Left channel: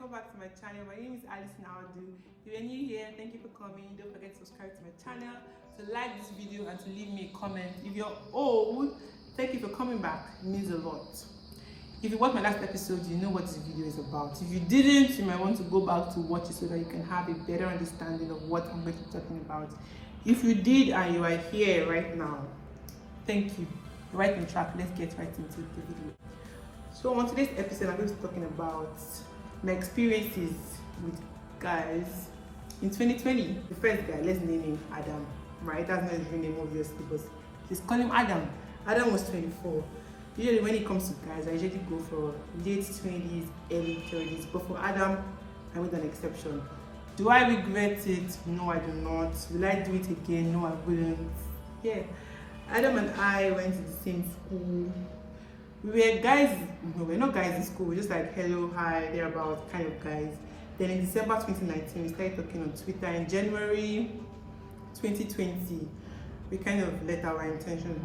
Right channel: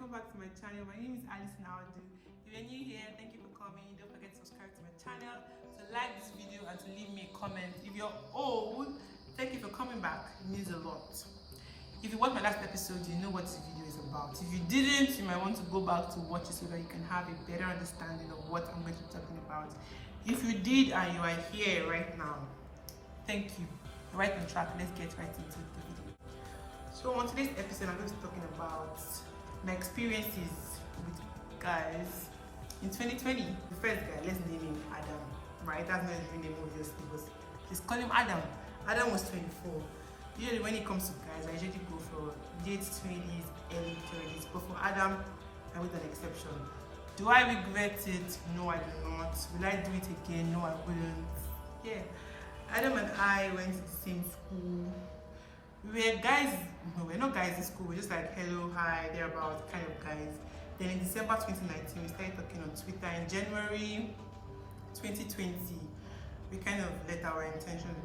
welcome back to my channel. My name is Alice Naodu. If you're new here, thank you for coming. Don't forget to subscribe to my channel, to like this video, and to leave me a comment. If you're old, thank you for coming back. It means a lot. If you watched my last episode, you know what this video is about. If you didn't, you might want to go back to watch it so that you can have a better understanding of what I'm going to be talking about. If you did and you are here right now, thank you. Right on track. Let's get right into the video. So on today's episode, I'm going to be talking about my experiences with guys in 2020. The first guy, let's name him Adam, right? That's not his real name, obviously, but let's call him Adam. Adam was 24. Usually when it comes to guys, I usually go for late 20s, early 30s, but for Adam, I made an exception. Do I regret it? No, I do not. Will I do it again? No, I wouldn't. Yeah, Adam and I went to the same school. We were guys, no, we're not guys in school, we're just like hello, hi, thereabout kind of guys. Then in December 2019, we started talking on Twitter. In January 2020, we kind of let our intentions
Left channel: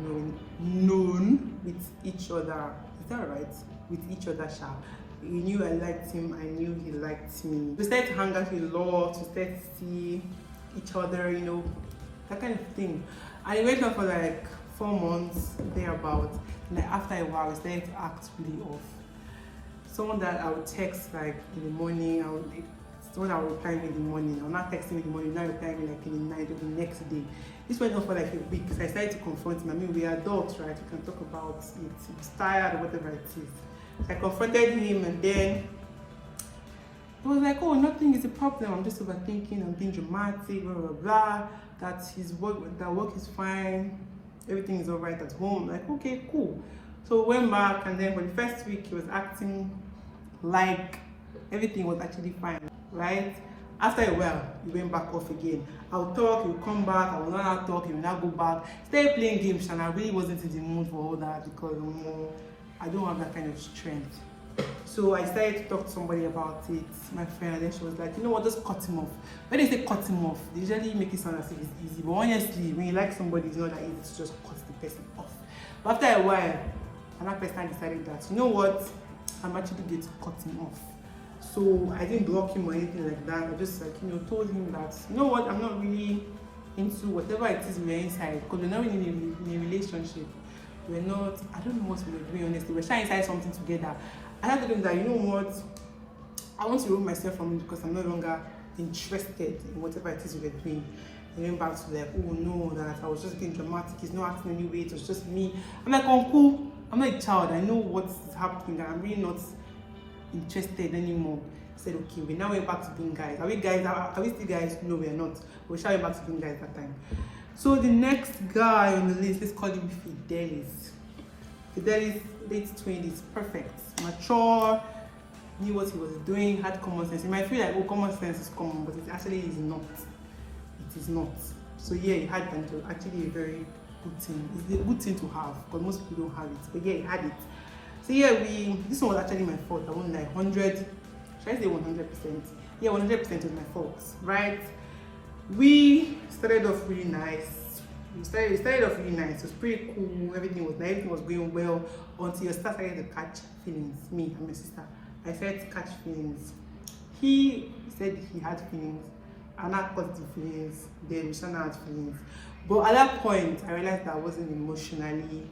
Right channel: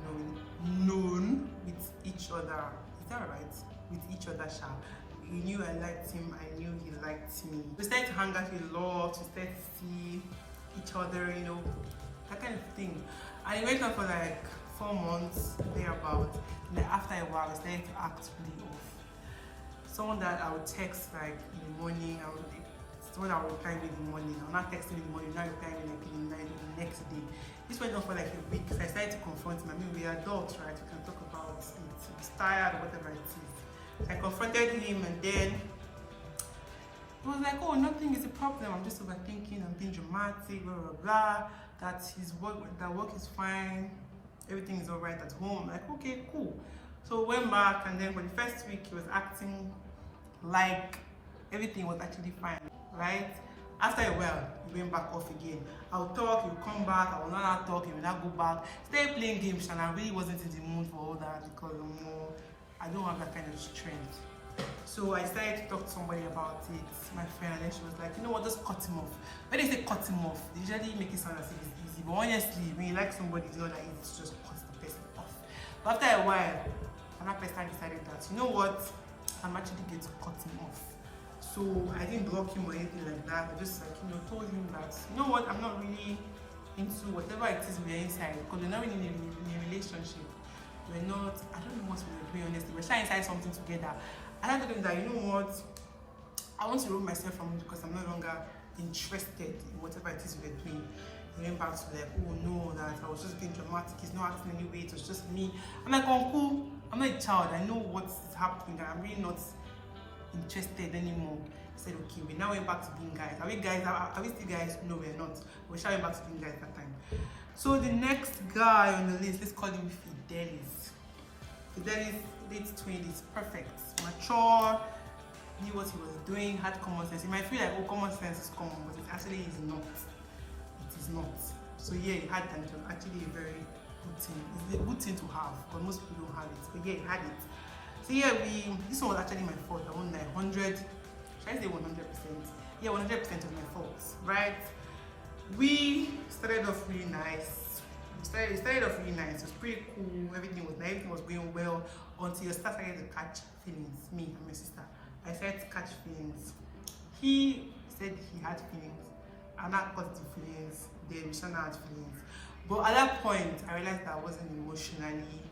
known with each other. Is that right? With each other, sharp. He knew I liked him, I knew he liked me. We started to hang out a lot, we started to see each other, you know, that kind of thing. And it went on for like 4 months, thereabout. And then after a while, we started to act really off. Someone that I would text like in the morning, someone that would reply me in the morning. I'm not texting me in the morning, not replying me like in the night or the next day. This went on for like a week. So I started to confront him. I mean, we are adults, right? We can talk about it. It's tired or whatever it is. I confronted him, and then he was like, oh, nothing is a problem. I'm just overthinking. I'm being dramatic, blah, blah, blah. That work is fine. Everything is all right at home. Like, okay, cool. So we went back, and then for the first week, he was acting like everything was actually fine, right? After a while, he went back off again. I would talk, he would come back, I would not talk, he would not go back. Started playing games, and I really wasn't in the mood for all that because I don't have that kind of strength. So I decided to talk to somebody about it, my friend, and then she was like, you know what, just cut him off. When they say cut him off, they usually make it sound as if it's easy, but honestly, when you like somebody, it's not that easy to just cut the person off. But after a while, another person decided that, you know what, I'm actually going to cut him off. So I didn't block him or anything like that. I just told him that, you know what, I'm not really into whatever it is we're inside, because we're not really in a relationship. We're not, I don't know what we were doing, honestly. We're trying inside something together. And I told him that, you know what, I want to remove myself from it because I'm no longer interested in whatever it is we were doing. He went back to like, oh no, that I was just being dramatic, he's not acting anyway, it was just me. I'm like, uncle, I'm not a child, I know what's happening, I'm really not interested anymore. He said, okay, we now went back to being guys. Are we still guys? No, we're not. We shall went back to being guys that time. So the next guy on the list, let's call him Fidelis. Fidelis, late 20s, perfect, mature, knew what he was doing, had common sense. You might feel like, oh, common sense is common, but it actually is not. It is not. So yeah, he had actually a very good thing. It's a good thing to have, because most people don't have it. But yeah, he had it. So yeah, this one was actually my fault. I won like 100, should I say 100%? Yeah, 100% was my fault, right? We started off really nice. We started off really nice. It was pretty cool. Everything was going well until I started to catch feelings. Me and my sister, I started to catch feelings. He said he had feelings, and I caught the feelings. Then we started had feelings. But at that point, I realized that I wasn't emotionally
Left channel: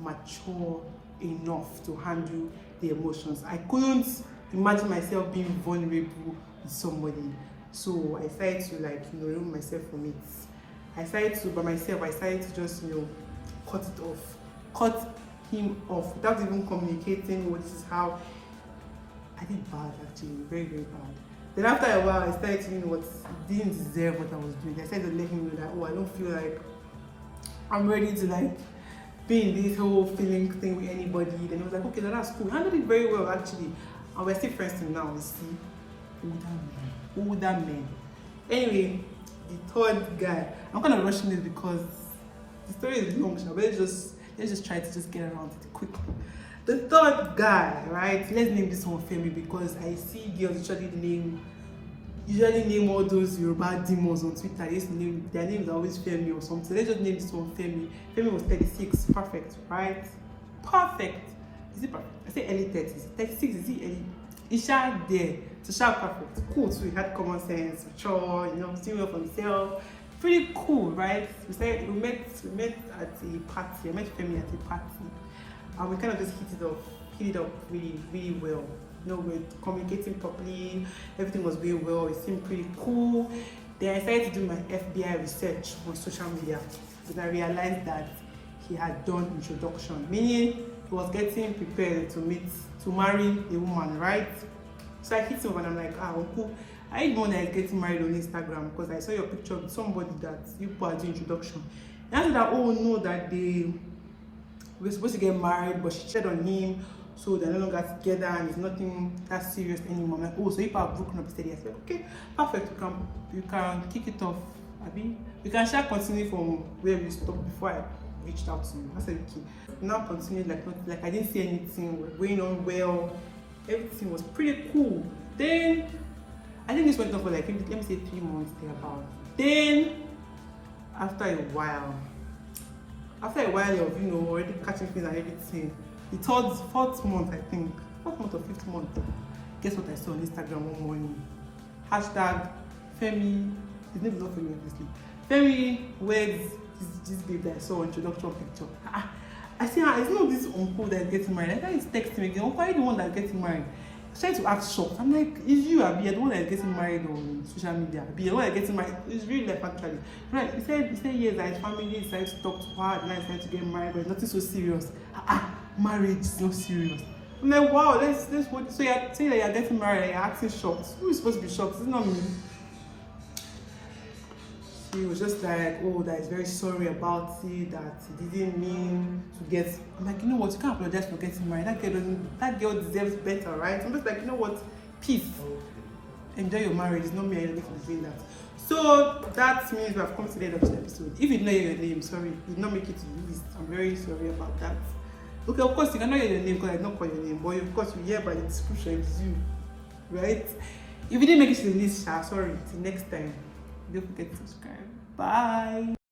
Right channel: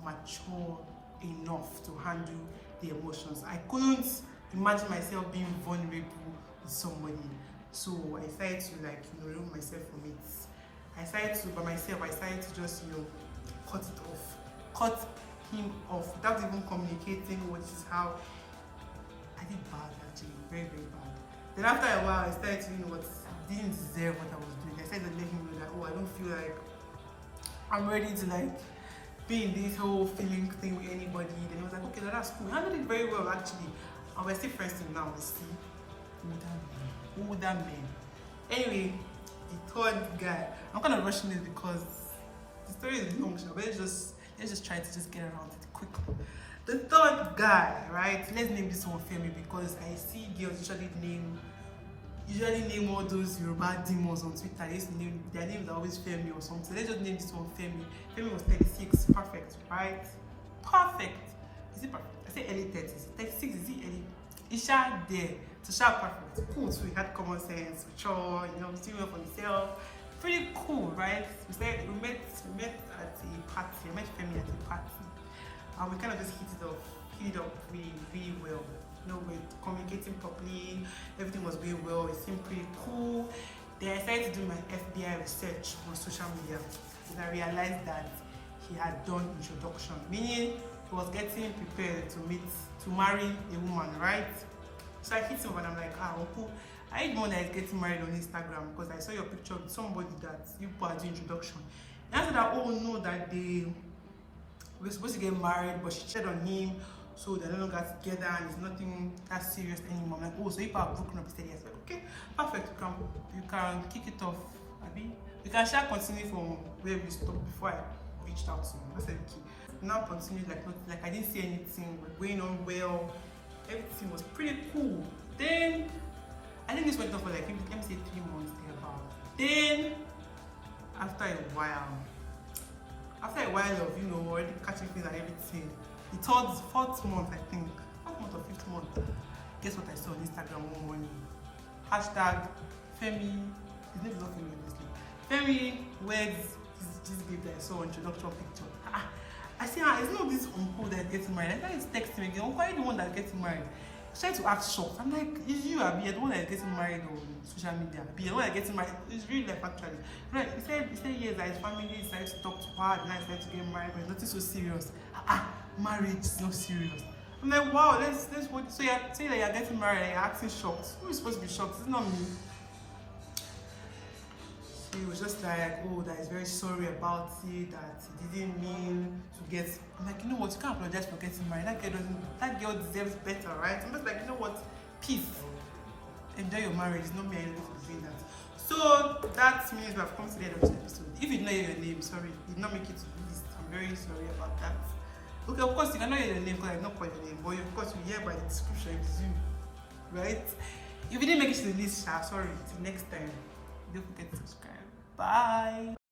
mature enough to handle the emotions. I couldn't imagine myself being vulnerable with somebody. So I started to remove myself from it. I started to just cut it off, cut him off without even communicating. Oh, this is how I did bad, actually, very, very bad. Then after a while, I started to what didn't deserve what I was doing. I started to let him know that, oh, I don't feel like I'm ready to be in this whole feeling thing with anybody. Then he was like, okay, that's cool. I handled it very well, actually, and we're still friends now. You see, older men. Anyway, the third guy. I'm kind of rushing this because the story is long, so let's just try to get around it quickly. The third guy, right? Let's name this one Femi, because I see girls usually name all those Yoruba demons on Twitter. Their names are always Femi or something. Let's just name this one Femi. Femi was 36, perfect, right? Perfect. Is it perfect? I say early 30s. 36, is it early? He's sharp there. So sharp perfect. Cool too. He had common sense, mature, you know, seeing well for himself. Pretty cool, right? We met at a party. I met Femi at a party. And we kind of just hit it up really, really well. You know, we're communicating properly, everything was going well, it seemed pretty cool. Then I started to do my FBI research on social media, and I realized that he had done introduction, meaning he was getting prepared to marry a woman, right? So I hit him and I'm like, uncle, I ain't the one that is getting married on Instagram because I saw your picture with somebody that you put as the introduction. And I said that, oh no, that they were supposed to get married, but she cheated on him, so they're no longer together and it's nothing that serious anymore. I'm like, oh, so if I've broken up, he said yes. Like, okay, perfect, you can kick it off, Abby. We can share continue from where we stopped before I reached out to you. I said, okay. Now continue like I didn't see anything, we're going on well, everything was pretty cool. Then I think this went on for like, let me say 3 months thereabout. Then after a while of, you know, already catching things and everything, the fourth month, I think, 4th month or 5th month, guess what I saw on Instagram one morning? Hashtag Femi, his name is not Femi, obviously. Femi wears this babe that I saw on introduction picture. I see, it's not this uncle that is getting married. I thought he's texting me again, uncle, are you the one that's getting married? I started to act shocked. I'm like, is you, Abby, you're the one that's getting married on social media? Abby, you're the one that's getting married. It's really life actually. Right? He said yes, that his family decided to talk to her, and I decided to get married, but it's nothing so serious. Marriage is not serious. I'm like, wow, let's so you're saying that you're getting married and you're acting shocked. Who is supposed to be shocked? It's not me. He was just like, oh, that is very sorry about it, that he didn't mean to get. I'm like, you know what, you can't apologize for getting married. That girl deserves better, right? I'm just like, you know what, peace. Enjoy your marriage. It's not me, I don't need to say that. So that means we have come to the end of this episode. If you know your name, sorry, you did not make it to the list. I'm very sorry about that. Okay, of course you cannot hear your name because I did not call your name, but of course you hear by the description it's you, right? If you didn't make it to the list, sorry. Till next time, don't forget to subscribe. Bye.